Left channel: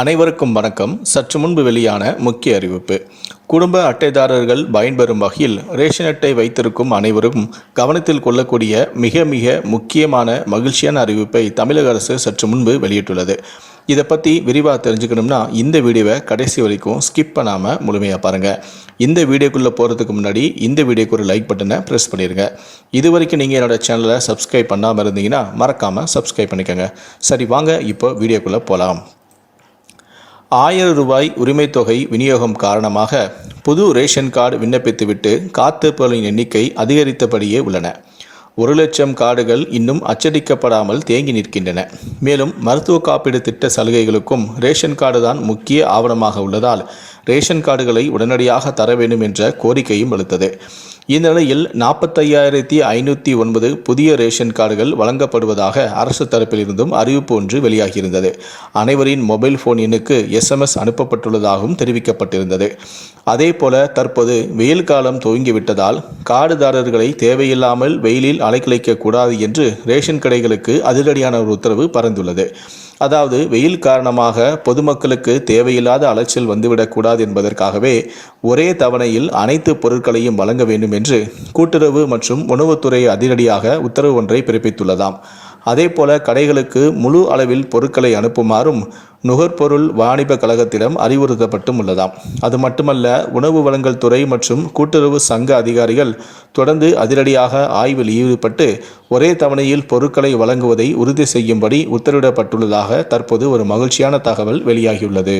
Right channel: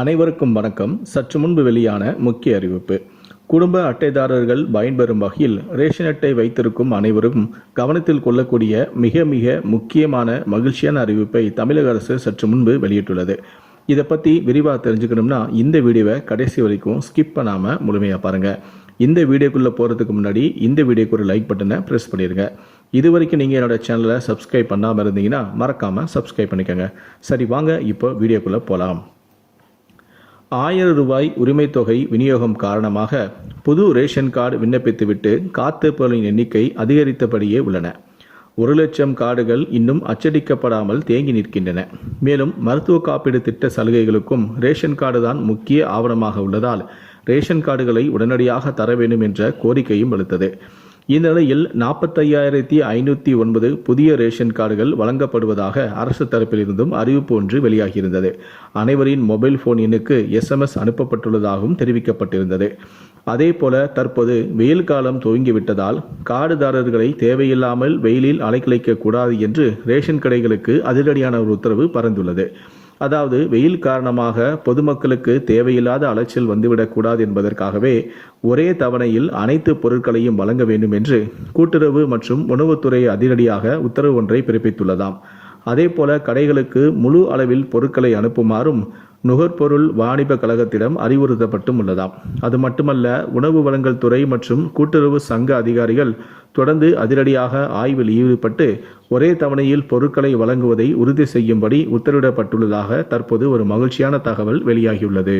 அனைவருக்கும் வணக்கம். சற்று முன்பு வெளியான முக்கிய அறிவிப்பு. குடும்ப அட்டைதாரர்கள் பயன்பெறும் வகையில் ரேஷன் அட்டை வைத்திருக்கும் அனைவரும் கவனத்தில் கொள்ளக்கூடிய மிக மிக முக்கியமான மகிழ்ச்சியான அறிவிப்பை தமிழக அரசு சற்று முன்பு வெளியிட்டுள்ளது. இதை பற்றி விரிவாக தெரிஞ்சுக்கணும்னா இந்த வீடியோவை கடைசி வரைக்கும் ஸ்கிப் பண்ணாமல் முழுமையாக பாருங்கள். இந்த வீடியோக்குள்ளே போகிறதுக்கு முன்னாடி இந்த வீடியோக்கு ஒரு லைக் பட்டனை ப்ரெஸ் பண்ணிடுங்க. இது வரைக்கும் நீங்கள் என்னோடய சேனலை சப்ஸ்கிரைப் பண்ணாமல் இருந்தீங்கன்னா மறக்காமல் சப்ஸ்கிரைப் பண்ணிக்கோங்க. சரி, வாங்க இப்போ வீடியோக்குள்ளே போகலாம். 1000 ரூபாய் உரிமை தொகை விநியோகம் காரணமாக புது ரேஷன் கார்டு விண்ணப்பித்துவிட்டு காத்திருப்பவர்களின் எண்ணிக்கை அதிகரித்தபடியே உள்ளன. 1,00,000 கார்டுகள் இன்னும் அச்சடிக்கப்படாமல் தேங்கி நிற்கின்றன. மேலும் மருத்துவ காப்பீடு திட்ட சலுகைகளுக்கும் ரேஷன் கார்டு தான் முக்கிய ஆவணமாக உள்ளதால் ரேஷன் கார்டுகளை உடனடியாக தர வேண்டும் என்ற கோரிக்கையும் வலுத்தது. இந்த நிலையில் 45,509 புதிய ரேஷன் கார்டுகள் வழங்கப்படுவதாக அரசு தரப்பிலிருந்தும் அறிவிப்பு ஒன்று வெளியாகியிருந்தது. அனைவரின் மொபைல் போன் எண்ணுக்கு SMS அனுப்பப்பட்டுள்ளதாகவும் தெரிவிக்கப்பட்டிருந்தது. அதேபோல தற்போது வெயில் காலம் துவங்கிவிட்டதால் கார்டுதாரர்களை தேவையில்லாமல் வெயிலில் அலைக்கழிக்கக்கூடாது என்று ரேஷன் கடைகளுக்கு அதிரடியான ஒரு உத்தரவு பறந்துள்ளது. அதாவது வெயில் காரணமாக பொதுமக்களுக்கு தேவையில்லாத அலைச்சல் வந்துவிடக்கூடாது என்பதற்காகவே ஒரே தவணையில் அனைத்து பொருட்களையும் வழங்க வேண்டும் என்று கூட்டுறவு மற்றும் உணவுத்துறை அதிரடியாக உத்தரவு ஒன்றை பிறப்பித்துள்ளதாம். அதேபோல கடைகளுக்கு முழு அளவில் பொருட்களை அனுப்புமாறும் நுகர்பொருள் வாணிப கழகத்திடம் அறிவுறுத்தப்பட்டும் உள்ளதாம். அது மட்டுமல்ல, உணவு வழங்கல் துறை மற்றும் கூட்டுறவு சங்க அதிகாரிகள் தொடர்ந்து அதிரடியாக ஆய்வில் ஈடுபட்டு ஒரே தவணையில் பொருட்களை வழங்குவதை உறுதி செய்யும்படி உத்தரவிடப்பட்டுள்ளதாக தற்போது ஒரு மகிழ்ச்சியான தகவல் வெளியாகியுள்ளது.